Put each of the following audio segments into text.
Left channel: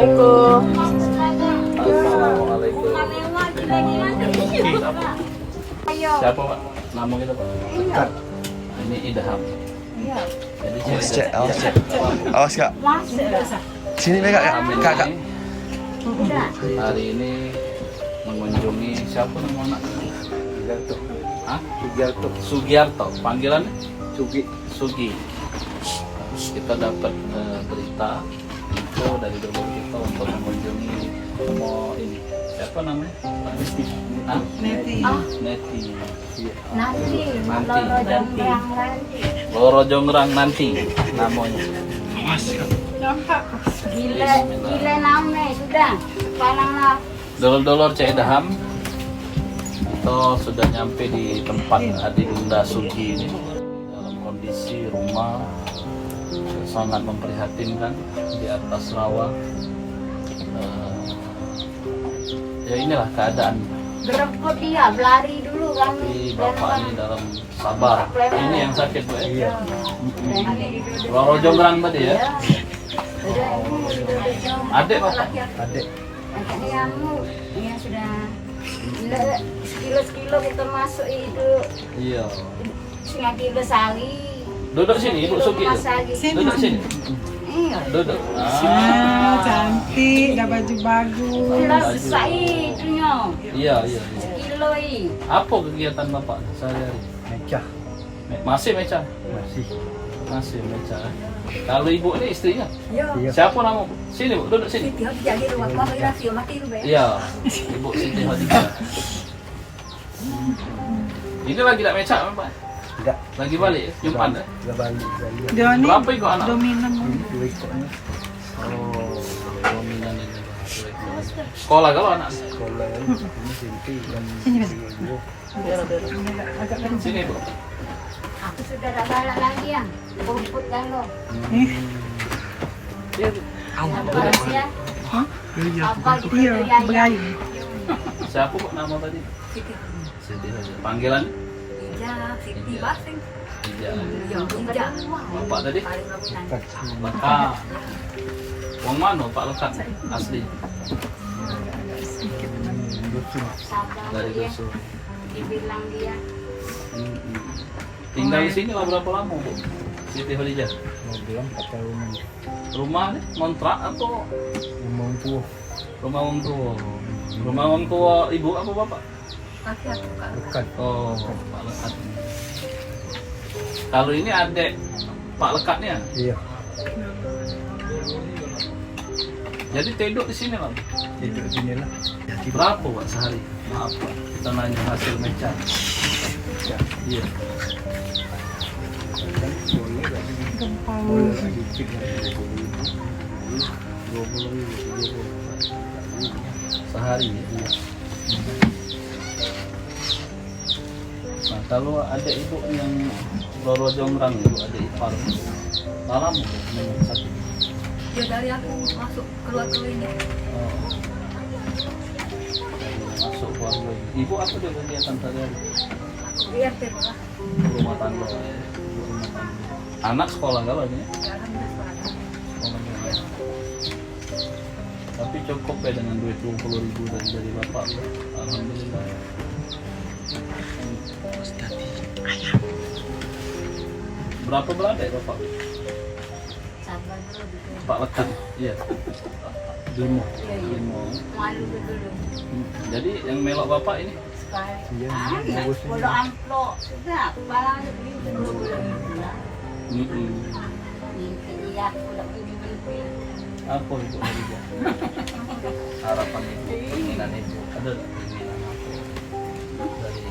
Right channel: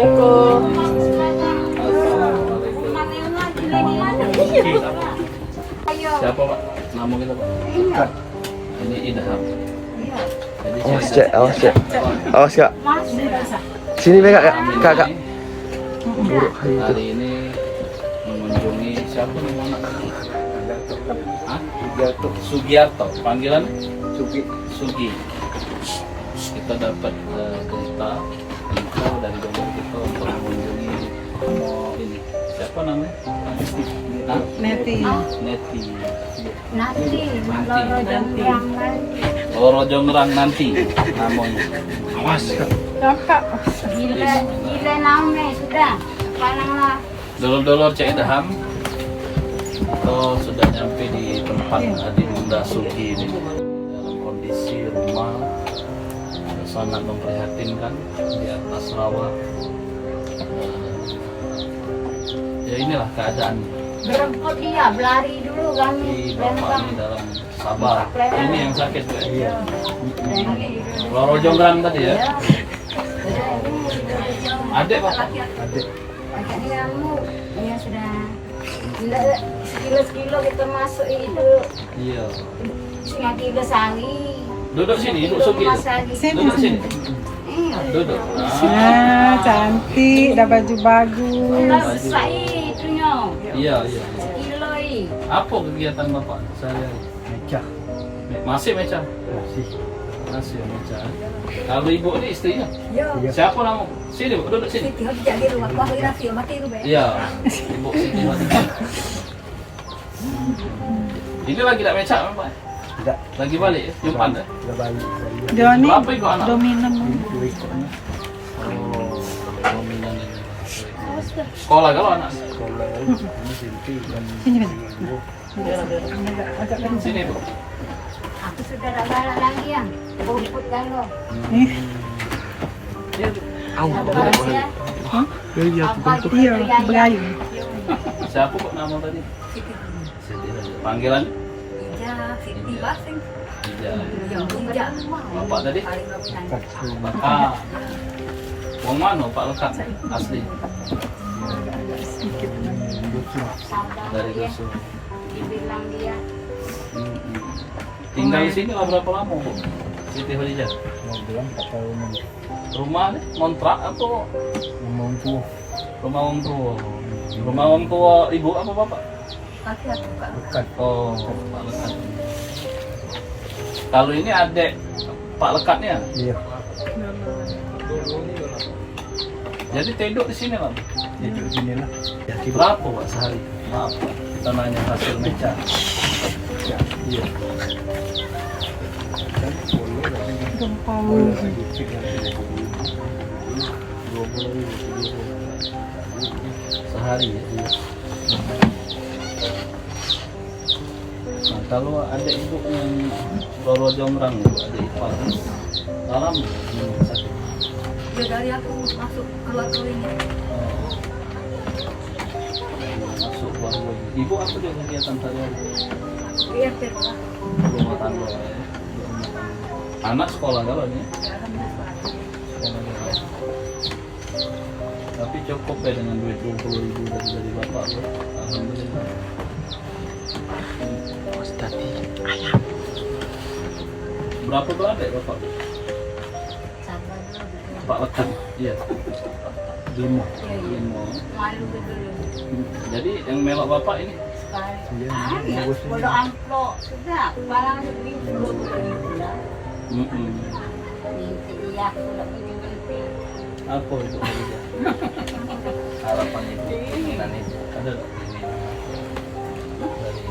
Assalamualaikum. Assalamualaikum. Siapa Pak? Nama kita Pak? Ini Idham. Jadi Awas cek. Sini deh kakak. Hari ini mengunjungi siapa nih anak? Sugiarto. Panggilan Sugi. Kita dapat berita info dari donor kita untuk mengunjungi ini. Siapa namanya? Neti. Loro Jongrang nanti namanya. Awas. Nampak. Gila namanya sudah. Sekaranglah. Dolor-dolor Cek Daham itu sudah nyampe di tempat Adinda Sugi ini. Dalam kondisi rumah sangat memprihatinkan di atas rawa. Ya inilah keadaan. Beremput dia, berlari dulu kami. Bapak ini dalam sabar. Ini yang sakit Bu. Iya. Loro Jongrang tadi ya. Adik Pak. Adiknya dia sudah kilo kita masuk itu Iya. 5 kilo sehari. Duduk sini, duduk Sugi. Duduk sini. Iya. Duduk. Nah, cantik, dah baju bagus. Selesai itunya. Iya. Kilo ini. Apa kegiatan Bapak sehari-hari? Mecah. Masih meca? Masih meca. Kalau ibu ini istrinya? Iya. Siapa nama? Sini Bu, duduk sini. Jadi rumah fotografi mati lu, Be. Iya. Ibu Siti Khadijah. Ini lagi tak meca Bapak? Enggak. Lagi balik ya? Jumat ya? Udah balik. Joni, Berapa ikut anak? dominan. Ini 2 ekornya. Oh, dominan ini. Sekolah kalau anak? Sekolah ini Sinti dan Sini, Sinti. Agak kencang. Sini Bu. Aku sudah tak balik lagi yang rumput kan lo. Iya Bu. Ya. Hah? Iya, Iya, Belayu. Siapa kok nama tadi? Siti Khadijah. Panggilan? Ya, Siti Batin. Iya. Bapak tadi? Bapak. Wong mana Pak Lekat asli? Dari dusun. Dibilang dia Tinggal di sini berapa lama Bu? Siti Khadijah. 6 bulan 4 tahun. Rumah nih kontrak atau Ngomong tua. rumah orang tua? Rumah orang tua ibu apa bapak? kaki aku kak. Dekat. Oh, Pak Lekat. Kalau ini adik Pak Lekatnya. Iya. Jadi tidur di sini lah. Hidup sini lah. Berapa Pak sehari? Maaf Pak, kita nanya hasil meca. Iya. Kan boleh tapi Gempal. boleh sedikit lah 20 Sehari ya. Iya. Nah kalau adik ibu yang Loro Jongrang itu adik ipar, dalam sakit. Ya dari aku masuk keluar ini. Masuk keluarga. Ibu apa dia kegiatan sehari-hari? Iya sekolah. Rumah tangga ya. Rumah tangga. Anak sekolah kalau ini? Sekolah. Tapi cukup ya dengan duit 20.000 dari bapak ya. Alhamdulillah. Berapa berapa ya bapak? Sabar dulu. Pak Lekat. Iya. 5. Malu dulu. Jadi yang melok bapak ini? Iya, Ya, bagus ini. kalau amplop sudah, barang lebih belum bulan. Mimpi dia aku tak boleh mimpi. Apa itu Khadijah? Harapan ibu, keinginan ibu ada nggak? Dari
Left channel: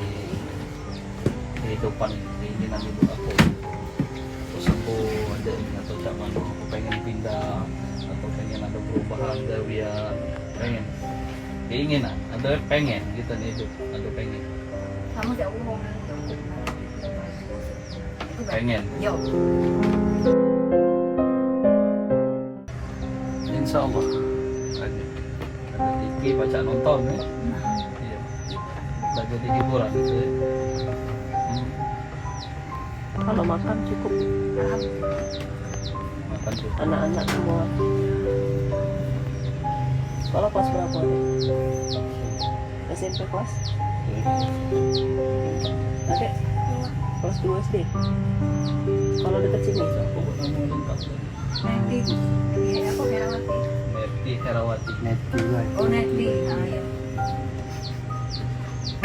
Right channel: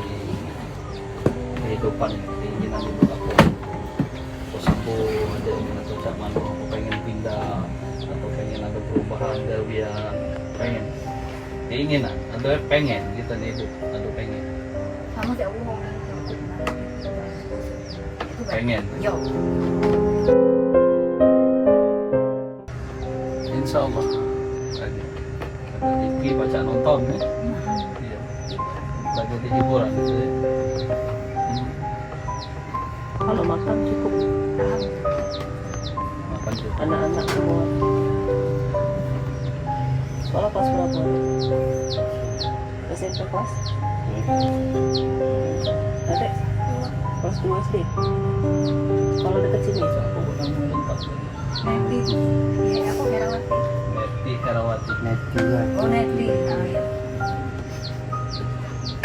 kehidupan keinginan ibu apa? Atau sembuh ada atau cak mana? Aku pengen pindah atau pengen ada perubahan dari dia pengen keinginan ada pengen gitu nih ibu ada pengen Kamu tak umum pengen. Yo. Insya Allah ada Diki baca nonton ya. Iya. Udah jadi hiburan gitu ya. Kalau makan cukup. Makan juga. Anak-anak semua. Sekolah kelas berapa? SMP kelas? Adek? Kelas 2 SD? Kalau dekat sini? Aku bukan mau lengkap. Neti. Iya, aku Herawati. Neti Herawati. Net juga. Oh, Neti. Ah, ya.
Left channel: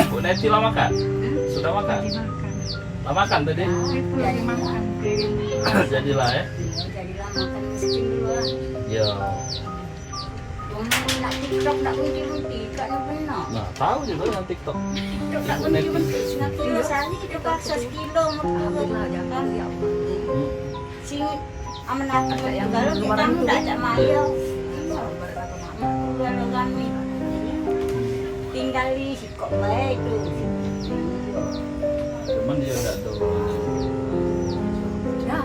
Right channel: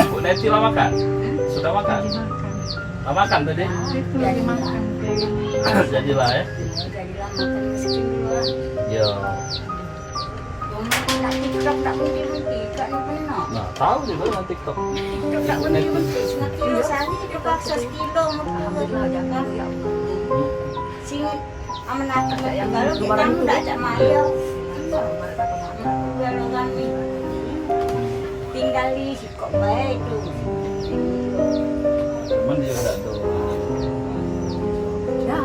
Bu Neti lah makan? Sudah makan? Lah makan tadi? Itu lagi makan. Jadilah ya. Jadilah makan miskin dulu lah. Ya. Cuma nak TikTok nak bunti-bunti, tak yang benar. Nah, tahu juga dengan TikTok. TikTok tak bunti-bunti, 9 kilo sehari kita paksa sekilo. Alhamdulillah, jangan ya. Hmm. Sini aman apa yang kalau kita tidak ada maya. Kalau kami tinggal di kok baik tu. Cuman dia tidak tahu. Ya.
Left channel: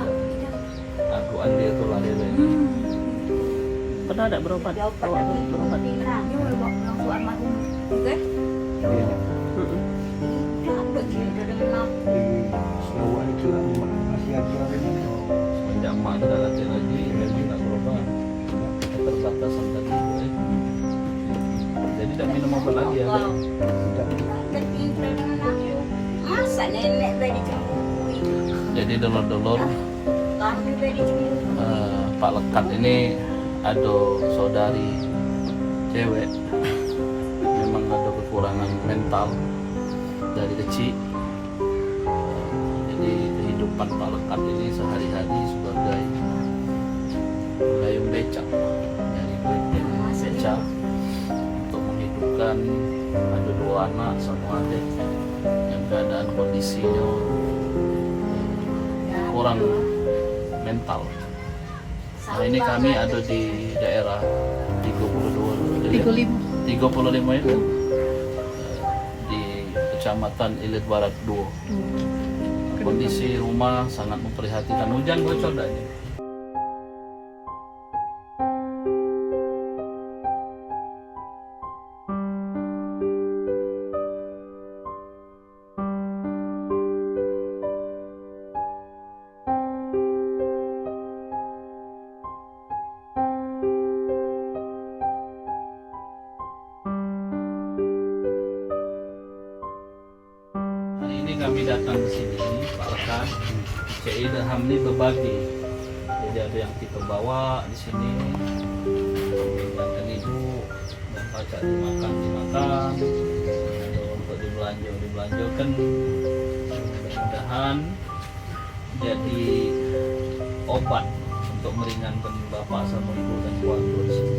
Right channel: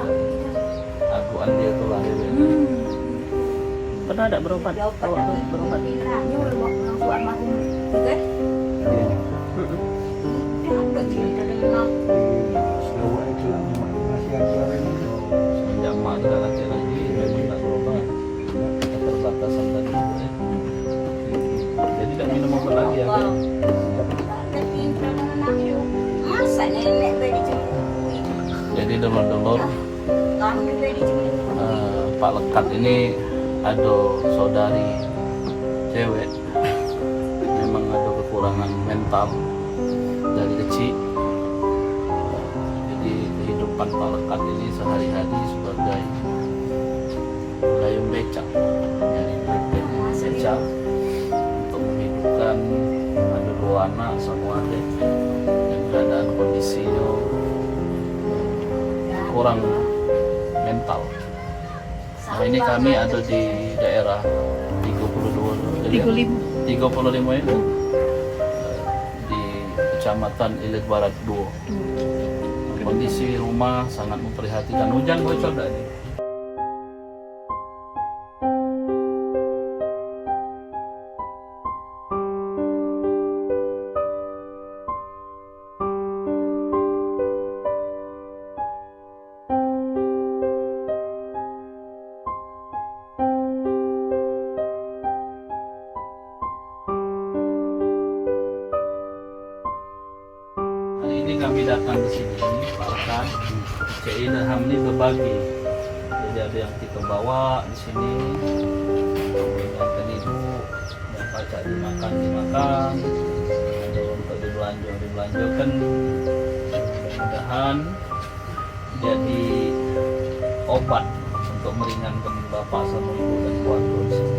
Akuan dia tuh lahir. Pernah ada berobat? Awak tu berobat? Ini orang tua almarhum juga. Dia ni. Ada kita dengar. Di Sarawak itu lah masih ada orang ni. Semenjak mak tu dah latih lagi, memang tak berobat. Keterbatasan tadi juga ya. Jadi tak minum obat lagi ya. Kan? Berarti kita nak masa nenek beri cemuru. Jadi dulur-dulur Kami beri cemuru. Pak Lekat ini ada saudari cewek, memang ada kekurangan mental dari kecil. Jadi kehidupan Pak Lekat ini sehari-hari sebagai pengayuh becak, jadi becak untuk menghidupkan. Ada 2 anak sama adik yang keadaan kondisinya kurang mental. Nah, ini kami ada di daerah 32 35 itu di Kecamatan Ilir Barat 2. Kondisi rumah sangat memprihatinkan. Hujan bocor dah ini. Hari ini kami datang di sini, Pak Rekan. Keindahan ini berbagi. Jadi ada yang kita bawa di sini untuk meringankan ibu, dan baca dimakan, ada untuk dibelanjakan. Mudah-mudahan jadi obat untuk meringankan bapak sama ibu dan keluarga di sini.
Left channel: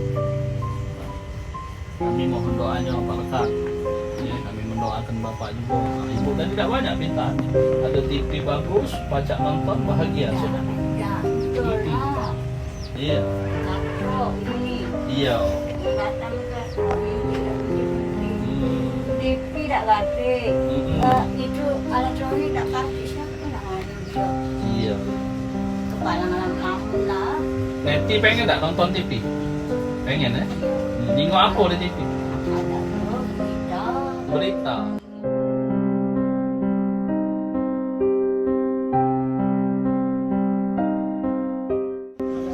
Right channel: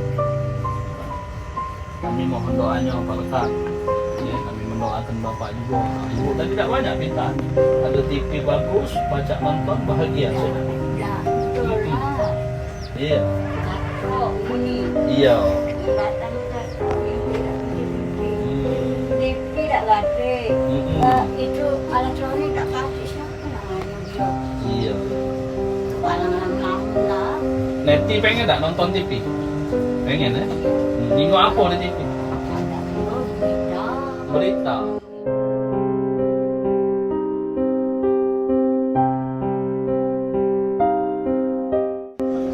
Kami mohon doanya Pak Rekan. Ya, kami mendoakan bapak juga. Ibu kan tidak banyak pintar. Ada TV bagus, baca nonton bahagia sudah. Ya, betul lah. Iya, Oh, ini iya. datang ke Hmm. tidak lagi. Mm-mm. Itu alat suami tak kasih siapa yang bisa. Iya. Kepala malam-malam lah. Neti pengen tak nonton TV? Pengen ya? Nengok apa di TV? Ada berita. Berita.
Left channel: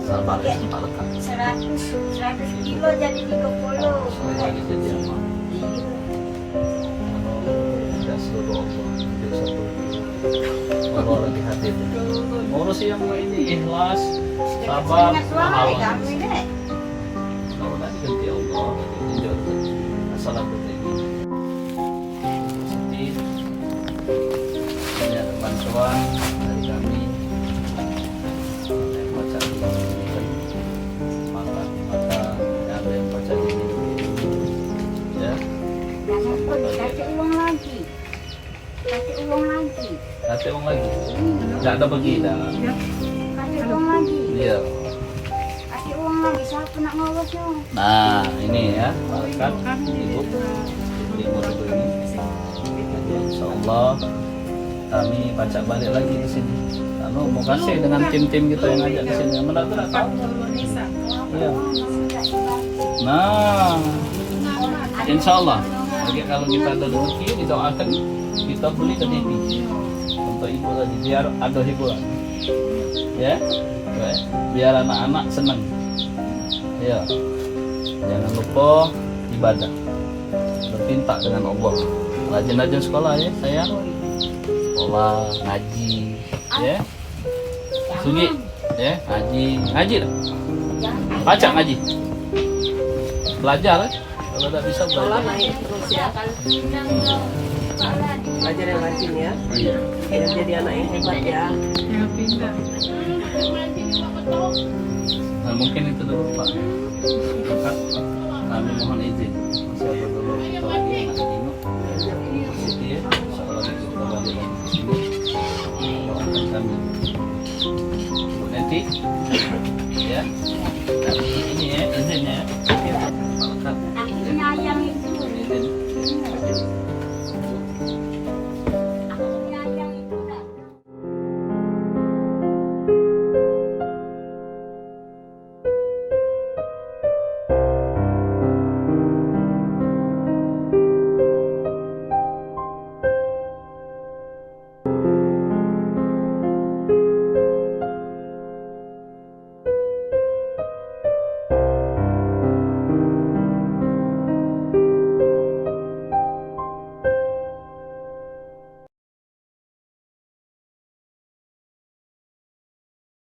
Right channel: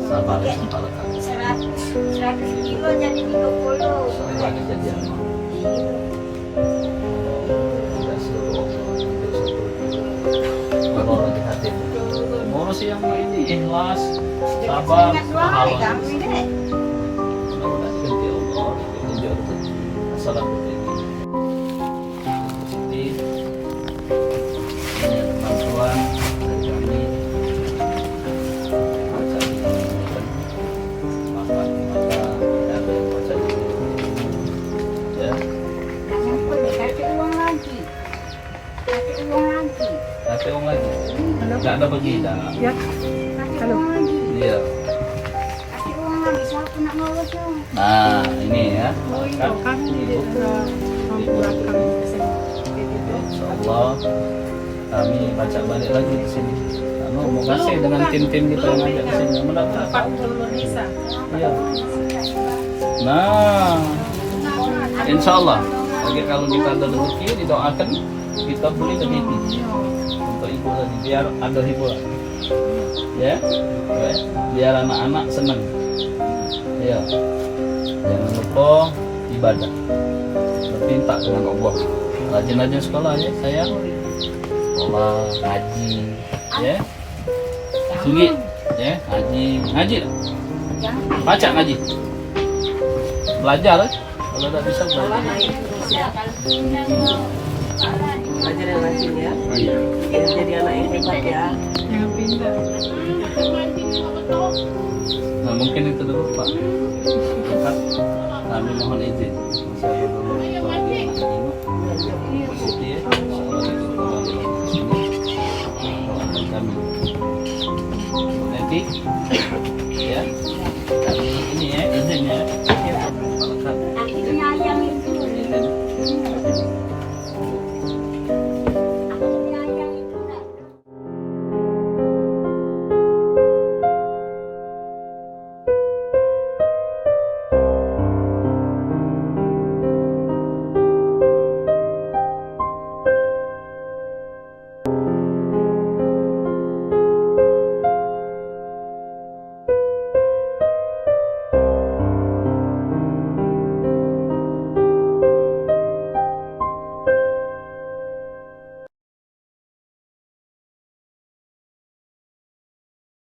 Sabar ya, Pak Lekat. 100 kilo jadi 30. Saya lagi jadi amat. Tidak seluruh Allah. Tidak seluruh Allah lagi hadir. Ngurus yang ini ikhlas, sabar, pahala. Mudah-mudahan ganti Allah untuk menjadi assalamualaikum. Ini ada bantuan dari kami. Baca dimakan, makan dimakan. Ada yang baca di ya. Jangan pun kasih uang lagi. Kasih uang lagi. Kasih uang lagi. Tidak ada pergi dah. Ya, Kasih uang lagi. Iya. Kasih uang lagi. Siapa nak ngurus tu? Nah ini ya. Makan kami di ibu. daerah Ibu belakang ini. SMP. Insyaallah kami baca balik lagi ke sini. Karena mau kasih dengan tim-tim kita yang ajak ke sini. Mudah-mudahan tahu. Iya. Nah, insyaallah. Bagi kalau kita ada rezeki didoakan kita beli ke TV untuk ibu tadi biar ada hiburan. Ya, biar anak-anak senang. Ya. Jangan lupa ibadah, berpinta dengan Allah. Rajin-rajin sekolah ya sayang. Sekolah, ngaji, ya. Sugi, ya, ngaji lah. Baca ngaji. Belajar ya. Kalau tak bisa Sekolah belajar. naik terus ya. Belajar yang rajin ya. Iya. Biar jadi anak yang hebat ya. Nah mungkin itu dulu Pak. Kakak, kami mohon izin. Masih ada dulu kita lagi yang nak tengok. Itu ya. Kalau kita balik lagi ke sini, doakan kami. Nanti, ya. Kami ini ya, izin ya. Kalau Kak, Akhirnya yang itu. izin.